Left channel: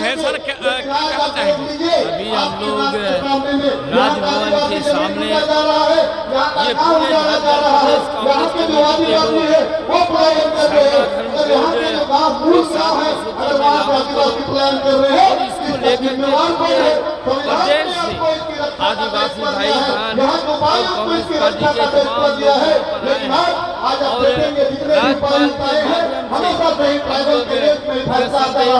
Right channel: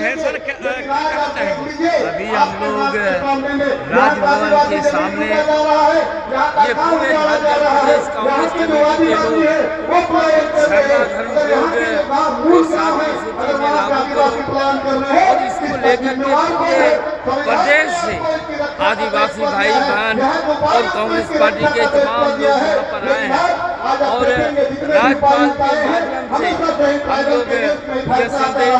हैं सर, क्या कहना चाहेंगे? अभी हम लोग राजभवन के सामने ये पूरे झारखंड प्रदेश कांग्रेस कमेटी के लोग सरना धर्म कोड को 7वीं सूची में लागू करो और इसको लेकर के पूरे प्रदेश से आदिवासी भाई बहन और कांग्रेस पार्टी के तमाम लोग यहाँ पर आए हैं और राज्यपाल के माध्यम से हम लोग यह संदेश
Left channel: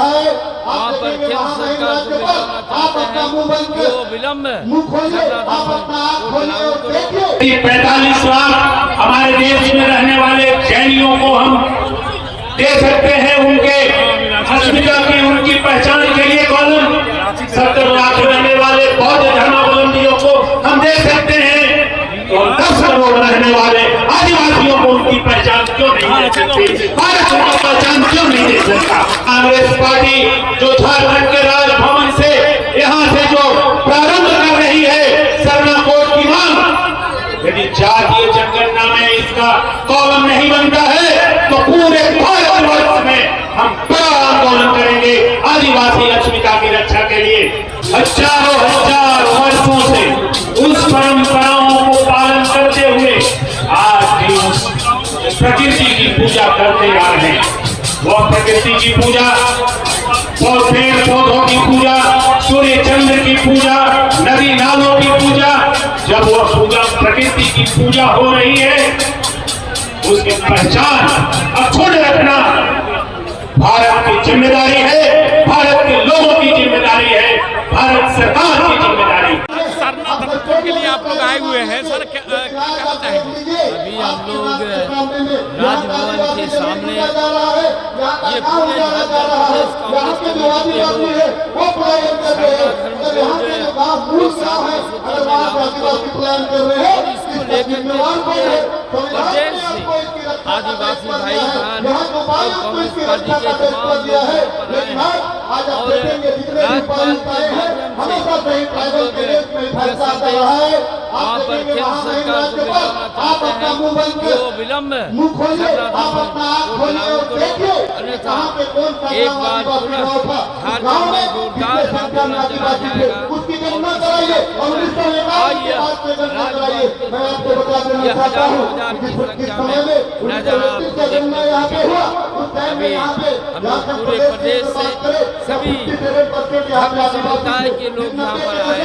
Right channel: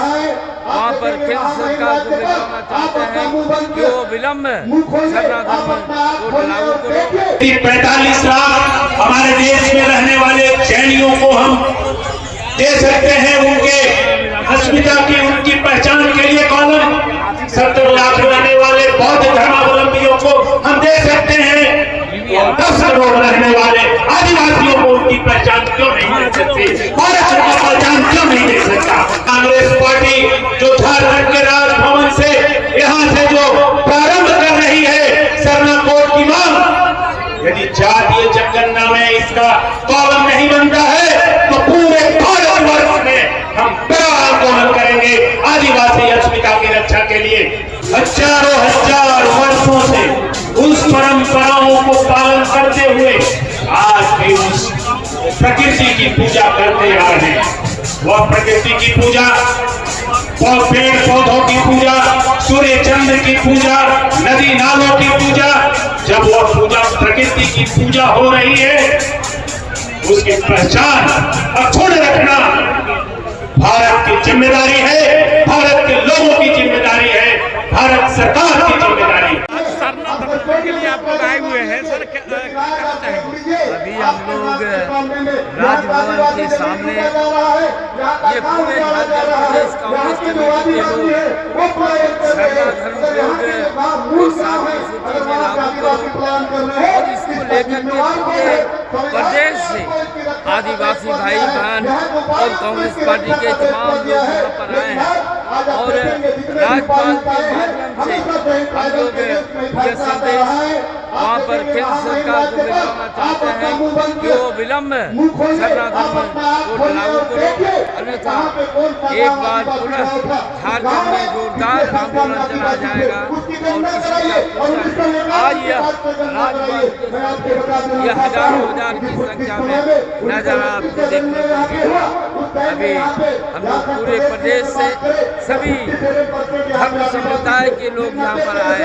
वहाँ पर केंद्र सरकार को भिजवाना चाहते हैं कि वो विलम्ब सरना धर्म कोड लागू करो। 45 लाख हमारे देश में रहने वाले जैनियों को हम दे सकते हैं उनके अस्मिता की उनकी पहचान के लिए कॉलम। 70 लाख रहने वाले बौद्ध धर्मावलंबियों को हम दे सकते हैं और 10 करोड़ रहने वाले आदिवासियों को उनकी पहचान क्यों नहीं दे सकते? भारत का पहचान क्यों नहीं दे सकता? कांग्रेस पार्टी जो झारखंड के राजभवन से यहाँ से जो प्रारंभ कर रही है सरना कोड की मांग, यदि जातीय जनगणना में इसका कॉलम नहीं बनता है तो पूरे भारतवर्ष में हम बड़ा आंदोलन करेंगे आदिवासी अस्मिता की रक्षा के लिए। हजारों हजार वर्षों से उस परंपराओं को पालन करते हुए आज भी उस प्रकृति की पूजा करते आ रहे हैं। वह प्रकृति की पूजा और पेड़ पौधों की पूजा, सूर्य चंद्र की पूजा, नदी नालों की पूजा, जब वह पूजा प्रकृति की पूजा हो रही है उसकी पहचान अक्षुण्ण रखना भारत की जिम्मेदारी है, भारत के लोगों की जिम्मेदारी है, भारत सरकार की जिम्मेदारी है। आज सरना धर्म कोड के लिए आप लोग आए हुए हैं सर, क्या कहना चाहेंगे? अभी हम लोग राजभवन के सामने ये पूरे झारखंड प्रदेश कांग्रेस कमेटी के लोग सरना धर्म कोड को 7वीं सूची में लागू करो और इसको लेकर के पूरे प्रदेश से आदिवासी भाई बहन और कांग्रेस पार्टी के तमाम लोग यहाँ पर आए हैं और राज्यपाल के माध्यम से हम लोग यह संदेश वहाँ पर केंद्र सरकार को भिजवाना चाहते हैं कि वो विलम्ब सरना धर्म कोड लागू करो, अन्यथा एक बार पुनः झारखंड में जोरदार आंदोलन चलाया जाएगा और इसी का पूछन आज यह राजभवन के सामने यह हजारों हजार की संख्या में नजारा आपको देखने को मिलेगा। अभी हम लोग पूरे प्रदेश से सभी धर्म समुदाय के लोग यहाँ पर आए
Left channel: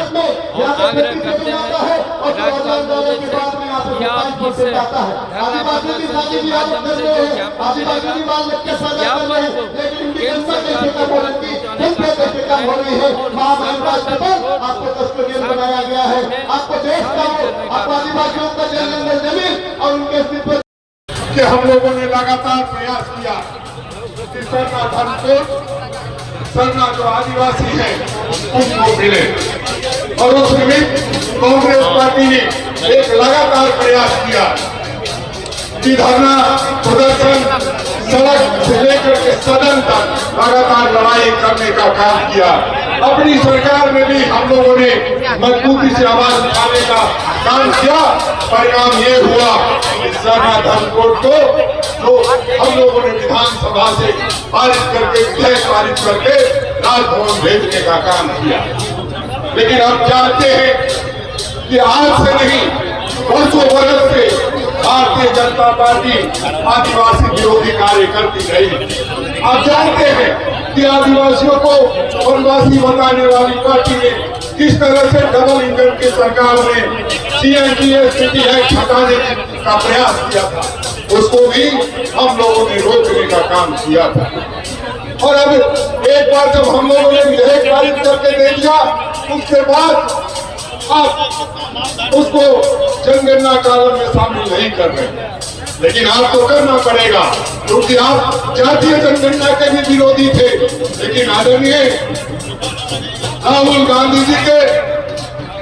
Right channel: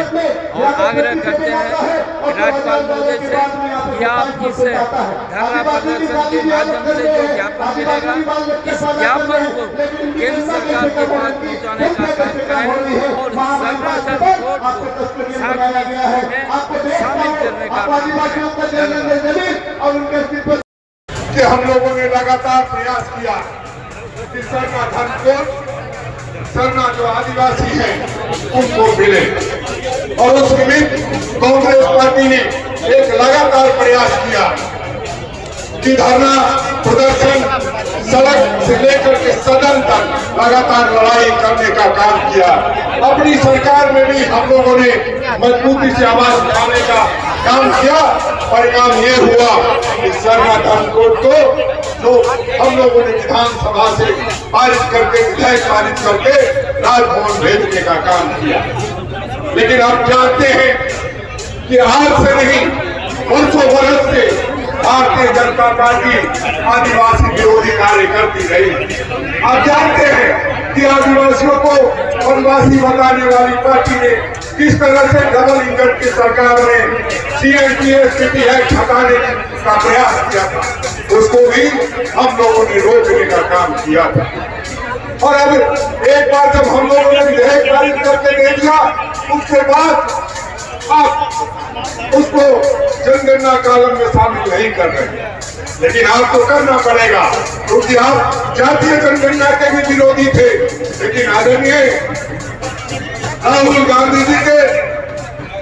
और आग्रह करते हैं राज्यपाल महोदय से कि आप इस धरना प्रदर्शन के माध्यम से जो ज्ञापन मिलेगा इस ज्ञापन को केंद्र सरकार के पास पहुँचाने का काम करें और सरना धर्म कोड को 7वीं सूची में शामिल करने का काम करें। कि हम लोगों ने लगातार प्रयास किया कि सरना धर्म कोड, सरना जो आदिवासी है उनको मिले और उस निमित्त कांग्रेस पार्टी ने एक लगातार प्रयास किया कि धरना प्रदर्शन सड़क से लेकर के सदन तक लगातार लड़ाई करने का काम किया। अपनी सरकार में भी हम लोगों ने मजबूती से आवाज उठाने का काम किया। परिणाम ये हुआ कि सरना धर्म कोड को जो हम लोगों ने विधानसभा से पारित करके विधेयक पारित करके राजभवन भेजने का काम किया। लेकिन आप जानते हैं कि आज से नहीं वर्षों वर्ष से भारतीय जनता पार्टी आदिवासी विरोधी कार्य करती रही। आप जानते हैं कि आदिवासियों को वनवासी बताने वाली पार्टी ने किस तरह से डबल इंजन की सरकार ने सीएनटीएस एक्ट हटाने का प्रयास किया था, उसको भी हम लोगों ने रोकने का काम किया था। और अब एक बार जब हम लोगों ने विधेयक पारित करके दे दिया उसके बाद आप उसको जनगणना कॉलम में शामिल नहीं कर रहे, लेकिन आपको करना पड़ेगा क्योंकि आप जातीय जनगणना के भी विरोधी थे। लेकिन आदरणीय राहुल गांधी जी के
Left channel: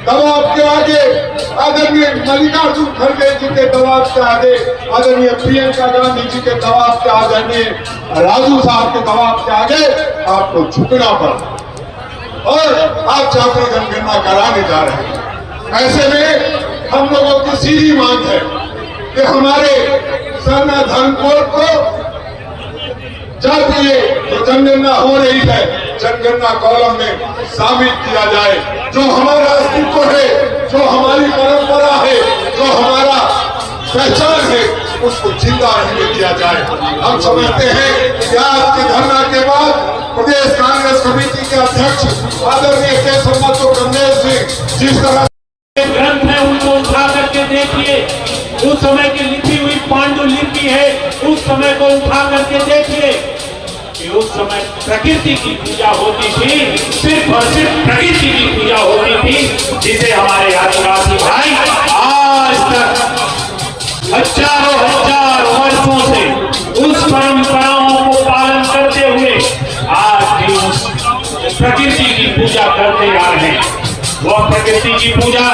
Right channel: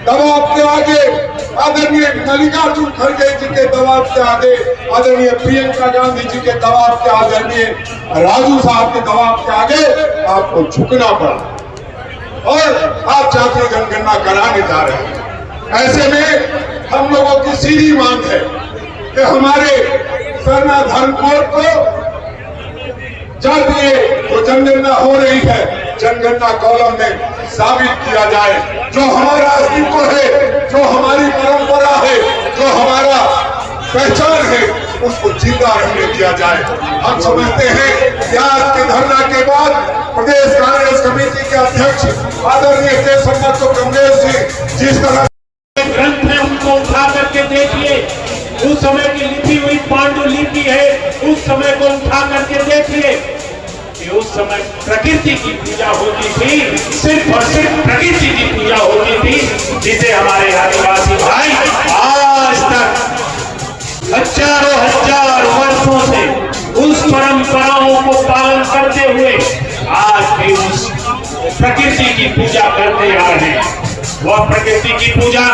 दबाव के आगे, आदरणीय मल्लिकार्जुन खड़गे जी के दबाव के आगे, आदरणीय प्रियंका गांधी जी के दबाव के, आदरणीय राजू साहब के दबाव के आगे आपको झुकना पड़ा और आप जातीय जनगणना कराने जा रहे हैं। ऐसे में हम लोगों की सीधी मांग है कि हमारे सरना धर्म कोड को जातीय जो जनगणना हो रही है जनगणना कॉलम में शामिल किया जाए। जो हमारा अस्तित्व है, जो हमारी परंपरा है, जो हमारा पहचान है, उसको जिंदा रहने दिया जाए। हम समझते हैं कि आज के धरना के बाद प्रदेश कांग्रेस कमेटी के अध्यक्ष आदरणीय केशव कमलेश जी जिस तरह ग्रंथ है उनको उठा करके देखिए, उस समय की लिखी हुई पांडुलिपि है, उस समय को उठा करके देखिए कि उस समय प्रकृति की पूजा होती थी, सिर्फ और सिर्फ प्रकृति की पूजा होती थी, जिसे हमारे आदिवासी भाई आज तक हजारों हजार वर्षों से उस परंपराओं को पालन करते हुए आज भी उस प्रकृति की पूजा करते आ रहे हैं। वह प्रकृति की पूजा,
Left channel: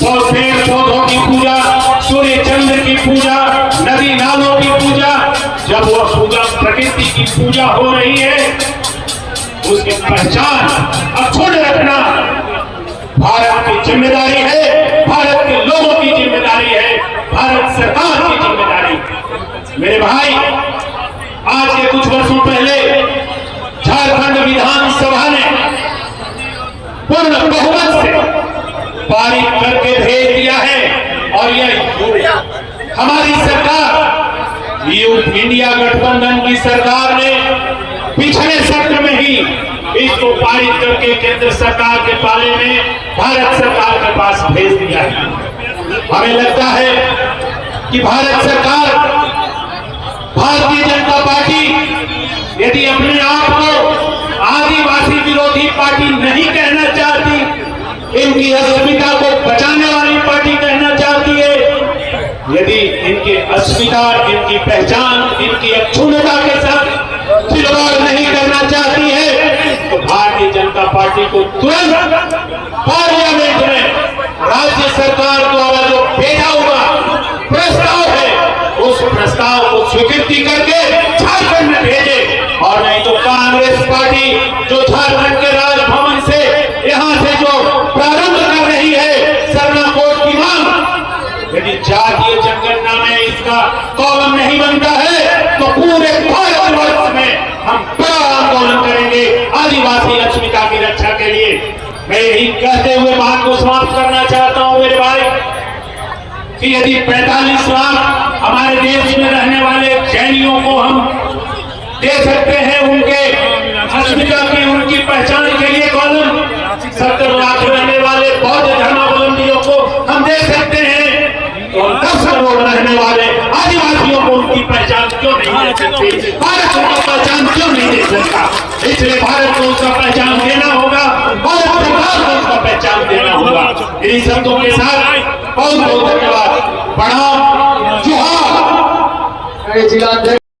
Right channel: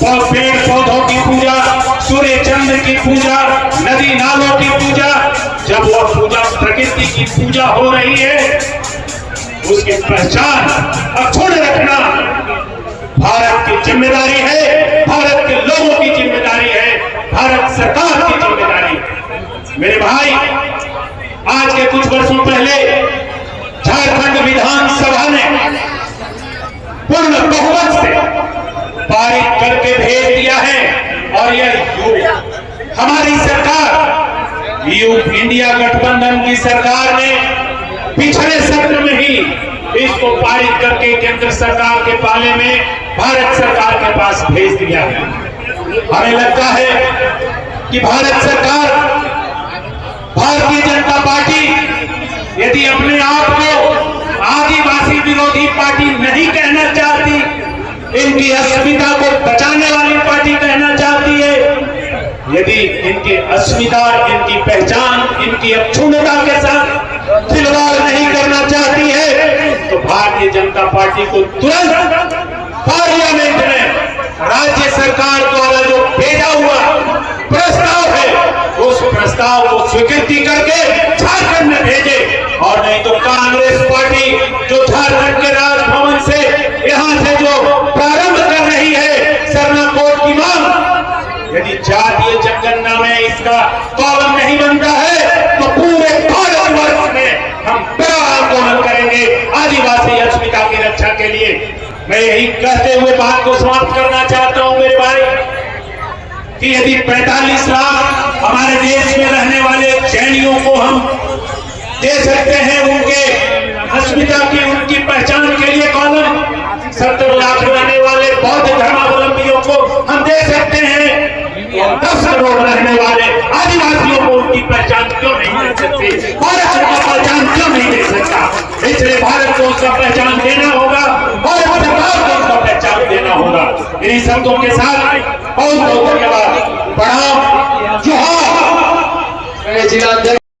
वह पेड़ पौधों की पूजा, सूर्य चंद्र की पूजा, नदी नालों की पूजा, जब वह पूजा प्रकृति की पूजा हो रही है, उसकी पहचान अक्षुण्ण रखना भारत की जिम्मेदारी है, भारत के लोगों की जिम्मेदारी है, भारत सरकार की जिम्मेदारी। मेरे भाई, आज के कुछ वर्षों पहले झारखंड विधानसभा ने पूर्ण बहुमत से पारित करके भेज दिया है और यह हमारी सरकार, इंडिया गठबंधन की सरकार ने पिछले सत्र में ही इसको पारित करके केंद्र सरकार के पाले में भारत सरकार के पास भेज दिया है। हमें लगता है कि भारत सरकार, भारतीय जनता पार्टी यदि अपने आप को आदिवासी विरोधी पार्टी नहीं कहना चाहती, इनकी अस्मिता को बचाने वाली पार्टी कहना चाहती है, यदि इनकी अस्मिता, इनकी पहचान, इनकी अक्षुण्णता के साथ खिलवाड़ नहीं करना चाहती है, तो भारतीय जनता पार्टी को तुरंत पार्लियामेंट में राज्य सरकार द्वारा जो भेजा हुआ प्रस्ताव है, उस प्रस्ताव को स्वीकृति करके झारखंड में भेजे, और नहीं तो कांग्रेस पार्टी जो झारखंड के राजभवन से यहाँ से जो प्रारंभ कर रही है सरना कोड की मांग, यदि जातीय जनगणना में इसका कॉलम नहीं बनता है तो पूरे भारतवर्ष में हम बड़ा आंदोलन करेंगे आदिवासी अस्मिता की रक्षा के लिए। मैं यही कहते हुए बात को समाप्त करना चाहता हूं मेरे भाई, कि यदि 45 लाख हमारे देश में रहने वाले जैनियों को हम दे सकते हैं उनके अस्मिता की, उनकी पहचान के लिए कॉलम, 70 लाख रहने वाले बौद्ध धर्मावलंबियों को हम दे सकते हैं, तो 10 करोड़ रहने वाले आदिवासियों को उनकी पहचान क्यों नहीं दे सकते? भारत को पहचान क्यों नहीं दे सकता? इसलिए भारत को उसका पहचान देना होगा, भारत सरकार को उसका पहचान देना होगा। इन्हीं शब्दों के साथ बहुत बहुत धन्यवाद। प्रणाम, जोहार। जिला